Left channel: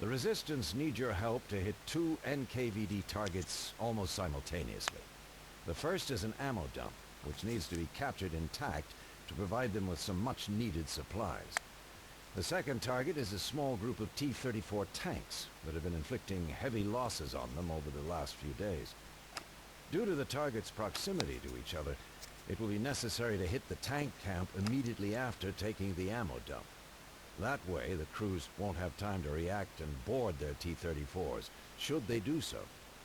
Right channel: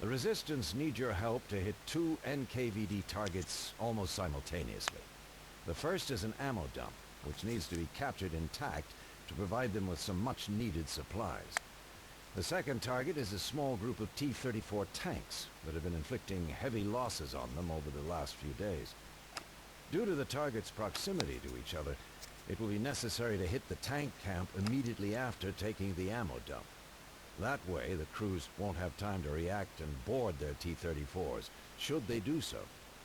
The Resistance need your help to hit 2 NKVD targets almost simultaneously. The first is an ammo dump, which needs to be captured intact to provide them with some much-needed supplies. The second target is a small group of T-34 tanks that have been inflicting heavy losses on them over the last few days. Due to the target's proximity to each other, it will be necessary to hit the tank camp immediately after taking the ammo dump. That way, the crews won't have time to react and board their T-34s. Should they do so,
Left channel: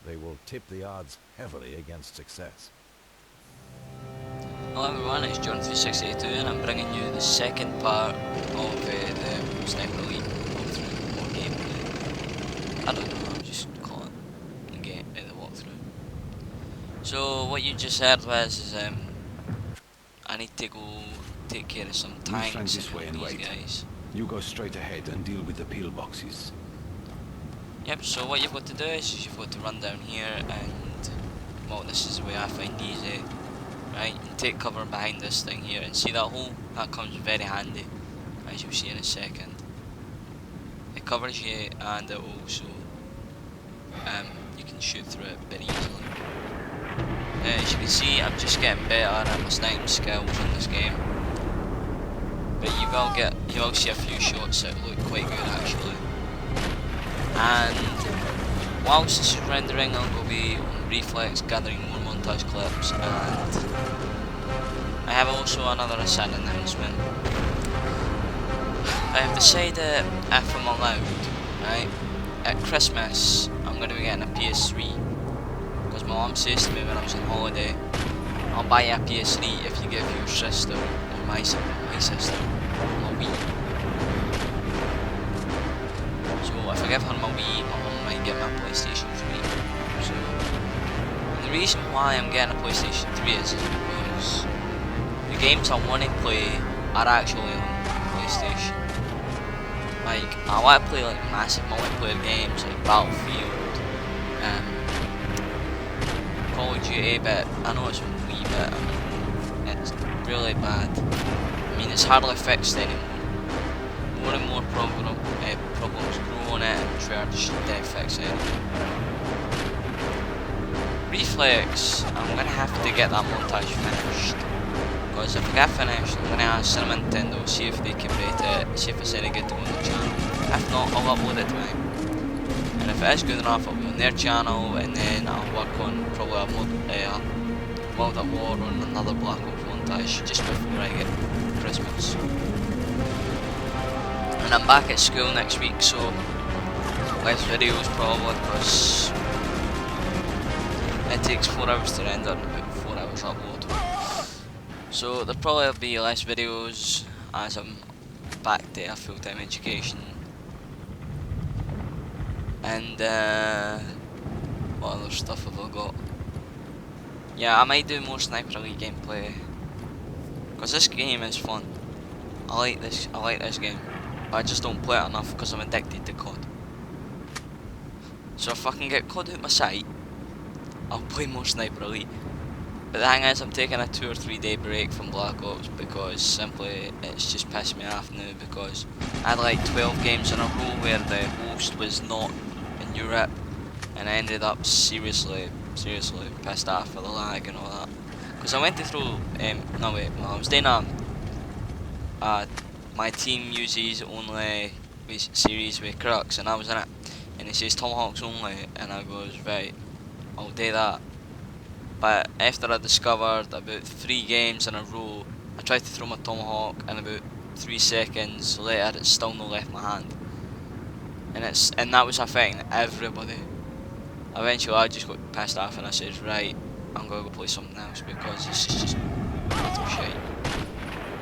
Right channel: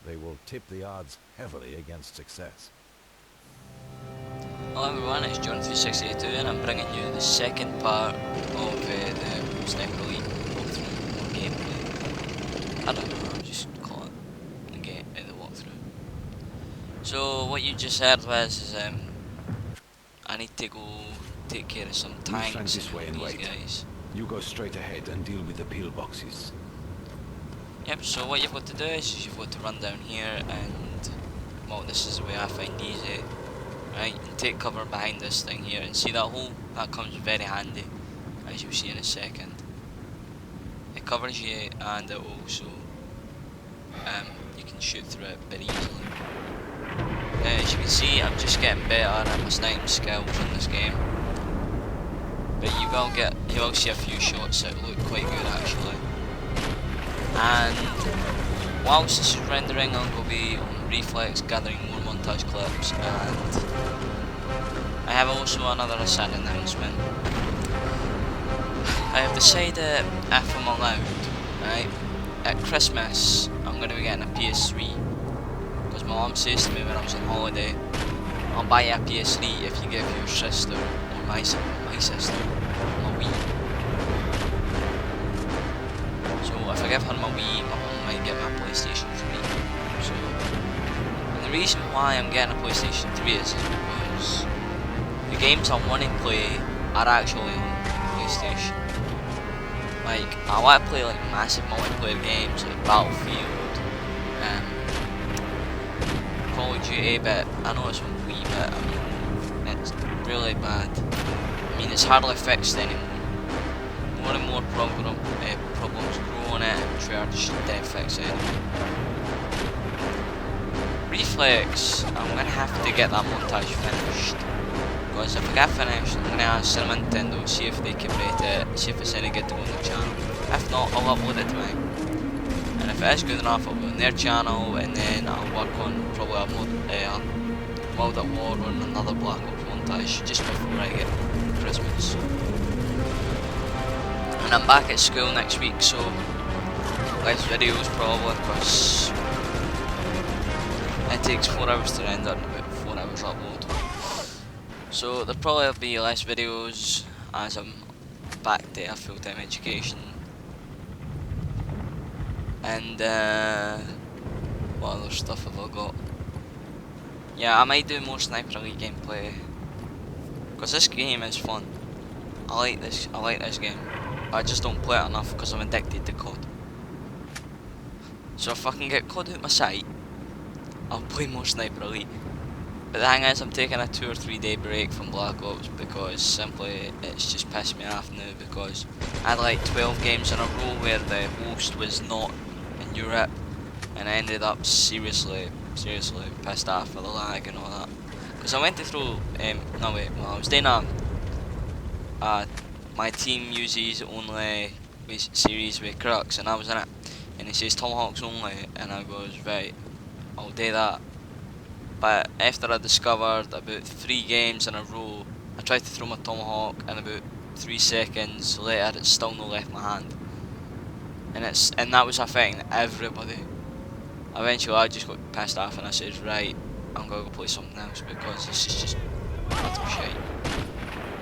they will tip the odds heavily against success. Hello everyone, it's John3682 and I'm bringing you the second part of the Sniper Elite walkthrough or gameplay. I don't know, I'll just call it the walkthrough. So what you just heard was I need to go take care of some tanks and these guys. You go straight ahead and deal with the pillboxes. Yep, so what you've got to do is you've got to run down here and, well, this is the way I find easy. Right, and take cover behind this thing here, and see that hole? That comes very handy, as you'll see in a second. It covers you, and it also, you can shoot through it very easily. As you can see, I'm just getting better at my sniping skills in this game. But you will see a few shots that look quite good actually. And whilst this is rendering, I'll go be on reflex, gathering more montage clips, and I have also another sad announcement. I have decided if I'm allowed, right, at Christmas I'm going to be getting a PS3, because my mum says to me when I was on holiday, I'll buy you a PS3 if you give your sister, or my sister, my Wii. So if I give her my Wii, my mum might get my PlayStation 3. So the reason why I'm getting a PlayStation 3 is because the games I want to play are actually on PlayStation. Like, I want to play like massive multiplayer games like Battlefield, Call of Duty, but I know it's a wee bit, it's really bad. I mean, it's hardly fixed anymore. More and more problems grow on it and try to fix it. Reflex, I'm going to have to get that montage finished. Because if I get finished, I'm going to ask Cinema Nintendo, see if they can rate it, see if it's any good to go on the channel. If not, I'll upload it to mine. And if it is good enough, I'll be on their channel, and then I'll work on probably a World at War or another Black Ops montage just before I get Christmas. And I'm back at school next week, so less videos probably, because it takes 4 hours to render and about 4 hours to upload. So there'll probably be less videos as I'm back to a full-time education. And what other stuff have I got? Yeah, I might do more Sniper Elite gameplay, because this game is fun. I like this game, but I just don't play it enough because I'm addicted to COD. So if I can get COD out my sight, I'll play more Sniper Elite. But the thing is, I'm taking a 2 or 3 day break from Black Ops because simply it's just pissed me off now, because I had like 12 games in a row where the host was not in Europe, and I ended up seriously pissed off for the lag and all that. Because I went through, I was doing my team uses only series with Crux, and I was in it, and it says Tomahawks only, and I goes, right, I'll do that. But after I discovered about 3 games in a row, I tried to throw my Tomahawk, and about 3 seconds later it's still not left my hand. And that was affecting everybody. Eventually I just got pissed off and I said, right, I'm going to go play something else because this is just little shit.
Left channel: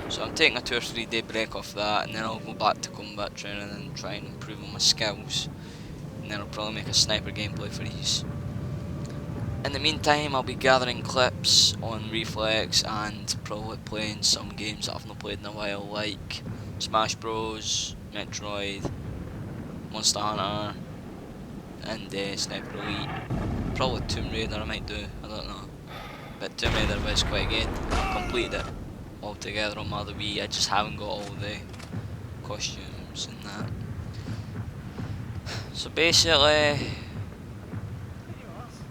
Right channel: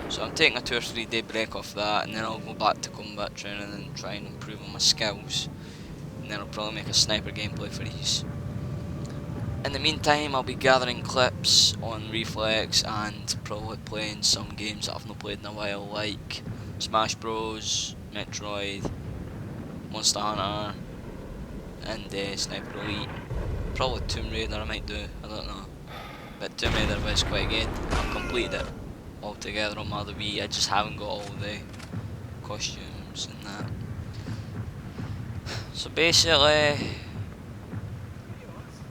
So I'm taking a 2 or 3 day break off that, and then I'll go back to combat training and try and improve on my skills. And then I'll probably make a sniper gameplay for these. In the meantime, I'll be gathering clips on Reflex and probably playing some games that I've not played in a while, like Smash Bros, Metroid, Monster Hunter, and Sniper Elite. Probably Tomb Raider I might do, I don't know. But Tomb Raider was quite good. I completed it altogether on my other Wii, I just haven't got all the costumes and that. So basically,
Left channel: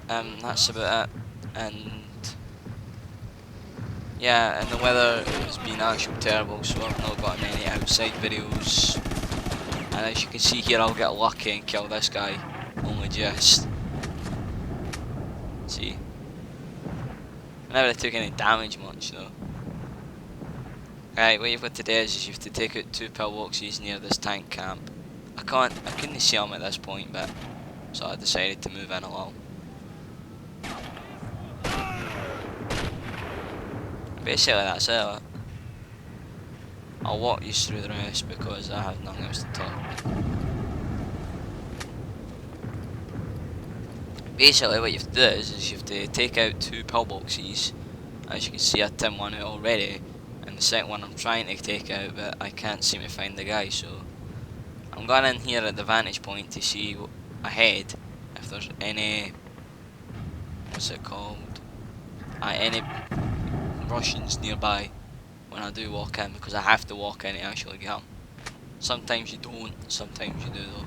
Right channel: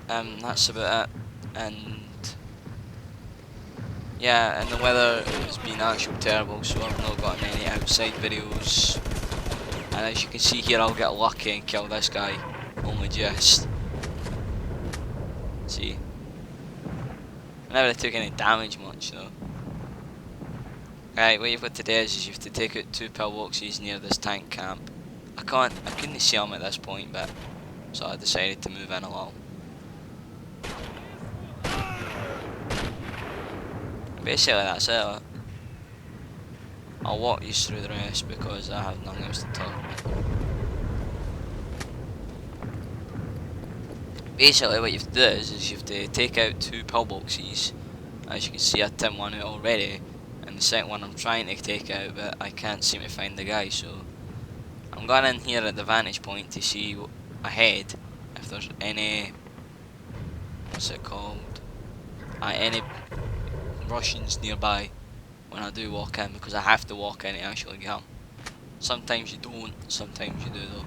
that's about it. And yeah, and the weather has been actually terrible, so I've not got many outside videos. And as you can see here, I'll get lucky and kill this guy. Only just. See? I never took any damage much though. Right, what you've got to do is you have to take out 2 pillboxes near this tank camp. I couldn't see them at this point, but so I decided to move in along. Basically that's it. I'll walk you through the rest because I have nothing else to talk. Basically what you have to do is you have to take out 2 pillboxes. As you can see, I timed one out already, and the second one I'm trying to take out, but I can't seem to find the guy, so I'm going in here at the vantage point to see ahead if there's any, what's it called, any Russians nearby when I do walk in, because I have to walk in to actually get them. Sometimes you don't, sometimes you do though.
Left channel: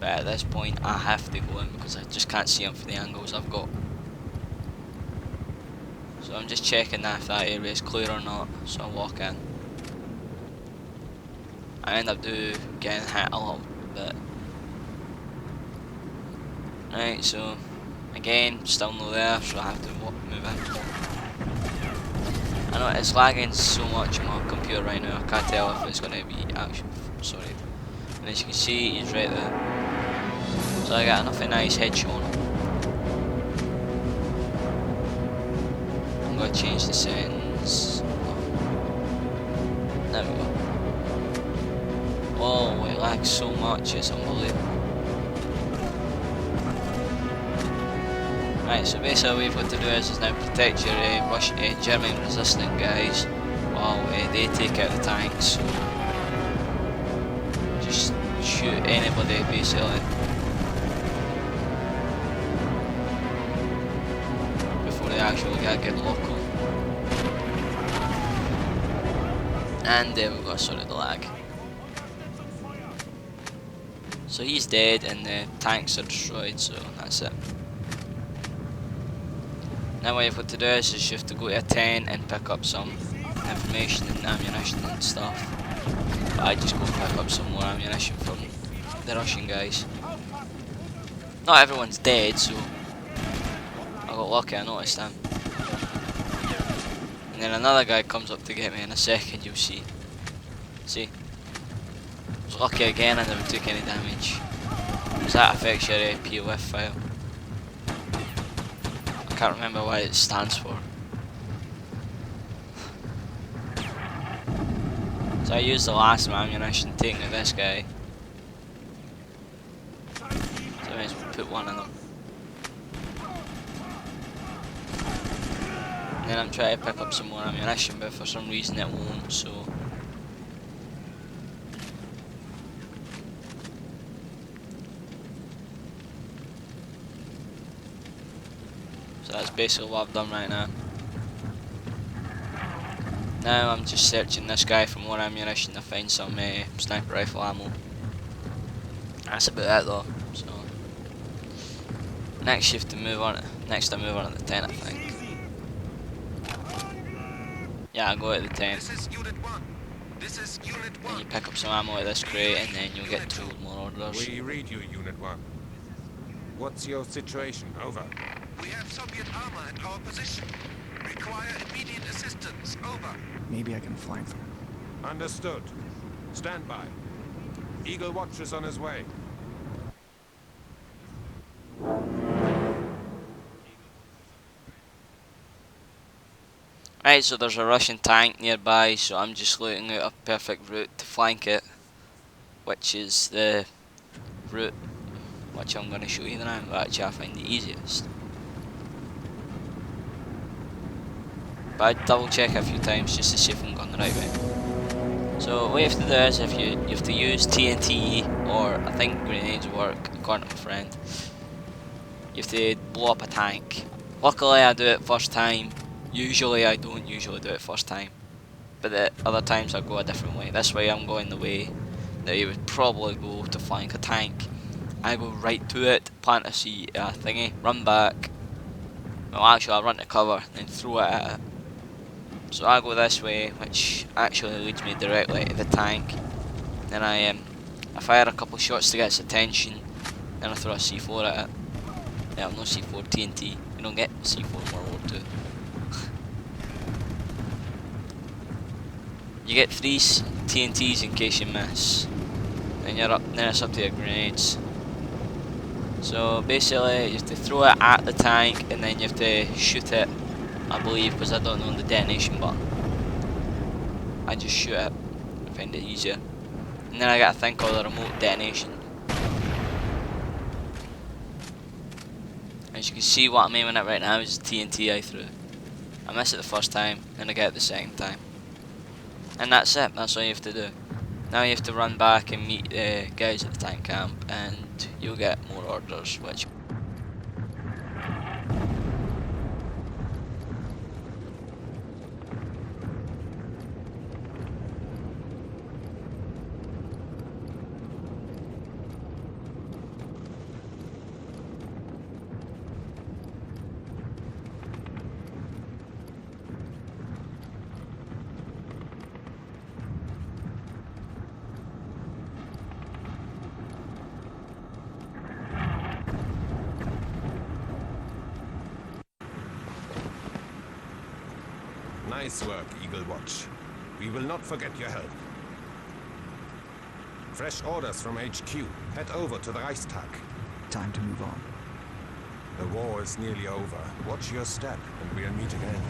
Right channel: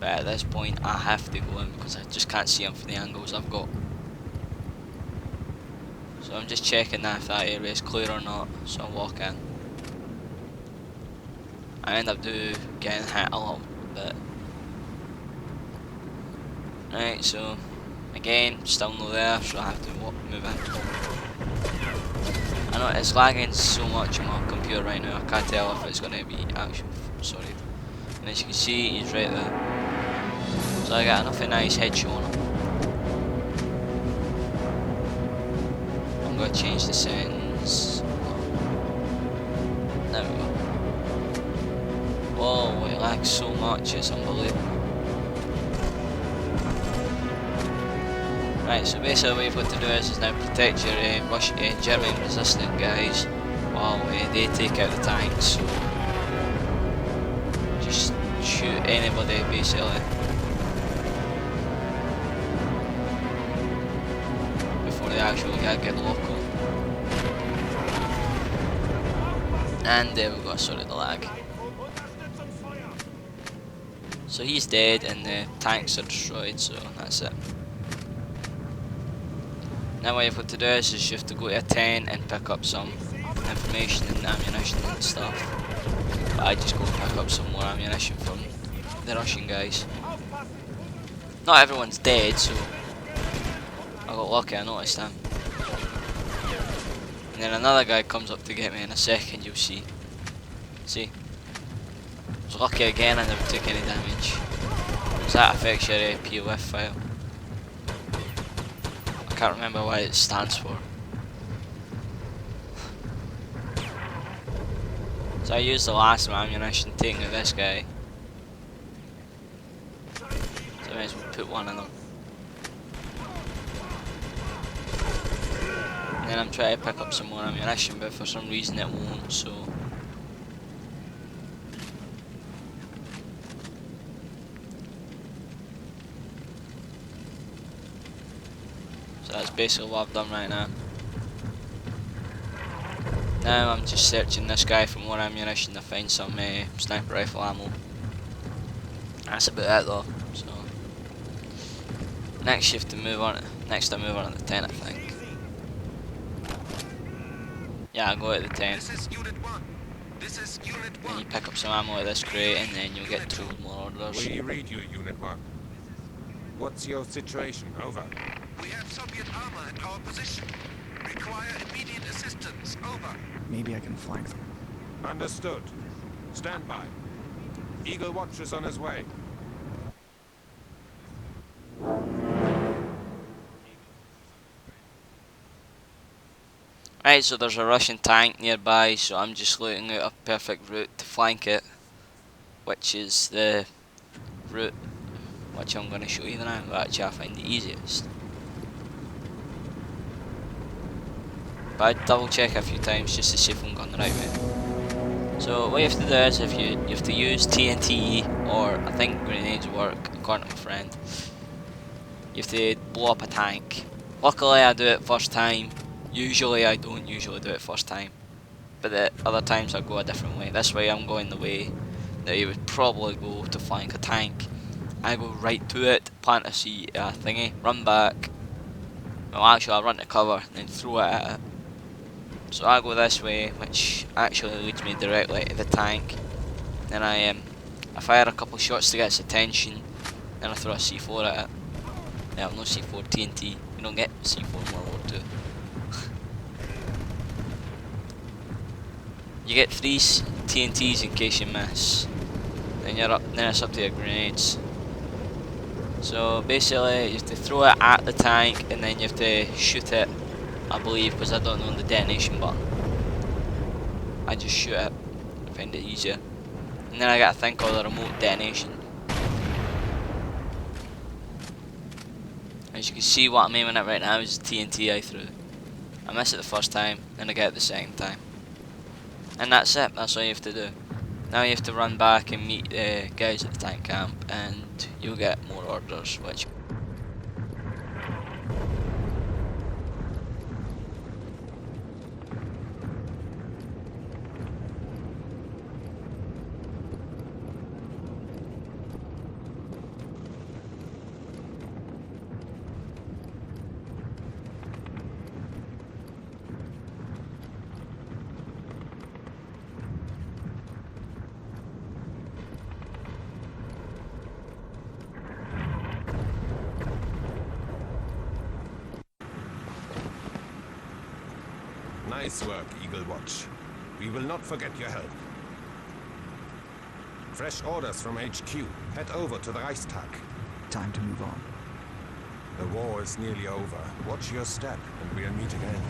But at this point I have to go in because I just can't see them for the angles I've got. So I'm just checking that if that area is clear or not, so I walk in. I end up getting hit a little bit. Right, so again, still no there, so I have to move in. I know it's lagging so much on my computer right now, I can't tell if it's going to be actually, sorry. And as you can see, he's right there. So I got enough nice headshot on him. I'm going to change the settings. There we go. Oh, it lags so much, it's unbelievable. Right, so basically what you've got to do is now protect your German resistant guys while they take out the tanks. So just shoot anybody basically before they actually get local. And there we go, sorry the lag. So he's dead and the tanks are destroyed, so that's it. Now what you've got to do is you have to go to a 10 and pick up some information and ammunition and stuff. But I just go pick up some more ammunition from the Russian guys. Not everyone's dead, so I got lucky, I noticed them. And then another guy comes up to get me in a second, you'll see. See? I was lucky again, I never took any damage. Because that affects your POF file. I can't remember what it stands for. So I used the last ammunition taking at this guy. So I might as well put one in him. And then I'm trying to pick up some more ammunition, but for some reason it won't, so. So that's basically what I've done right now. Now I'm just searching this guy for more ammunition to find some sniper rifle ammo. That's about it though. So next shift to move on. Next I move on to the 10, I think. Yeah, I'll go at the 10. This is Unit 1. This is Unit 1. And you pick up some ammo at this crate, and then you'll get 2 more orders. We read you, Unit 1. What's your situation? Over. We have Soviet armor at our position. Require immediate assistance. Over. Maybe I can flank them. Understood. Stand by. Eagle Watcher's on his way. Right, so there's a Russian tank nearby, so I'm just looking out a perfect route to flank it, which is the route which I'm going to show you now, but actually I find the easiest. But I double check a few times just to see if I'm going the right way. So what you have to do is you have to use TNT, or I think grenades work according to my friend. You have to blow up a tank. Luckily I do it first time. Usually I don't usually do it first time, but the other times I go a different way. This way I'm going the way that you would probably go to flank a tank. I go right to it, plant a thingy, run back. Well, actually, I'll run to cover, then throw it at it. So I go this way, which actually leads me directly to the tank. Then I fire a couple shots to get its attention. Then I throw a C4 at it. Yeah, no C4 TNT. You don't get C4 in World War II. You get 3 TNTs in case you miss. Then it's up to your grenades. So basically, you have to throw it at the tank, and then you have to shoot it. I believe, because I don't know the detonation button. I just shoot it. I find it easier. And then I got a thing called a remote detonation. As you can see, what I'm aiming at right now is TNT I threw. I miss it the first time, and I get it the second time. And that's it, that's all you have to do. Now you have to run back and meet the guys at the tank camp, and you'll get more orders, which... Nice work, Eagle Watch. We will not forget your help. Fresh orders from HQ. Head over to the Reichstag. Time to move on. The war is nearly over. Watch your step, and we'll meet again.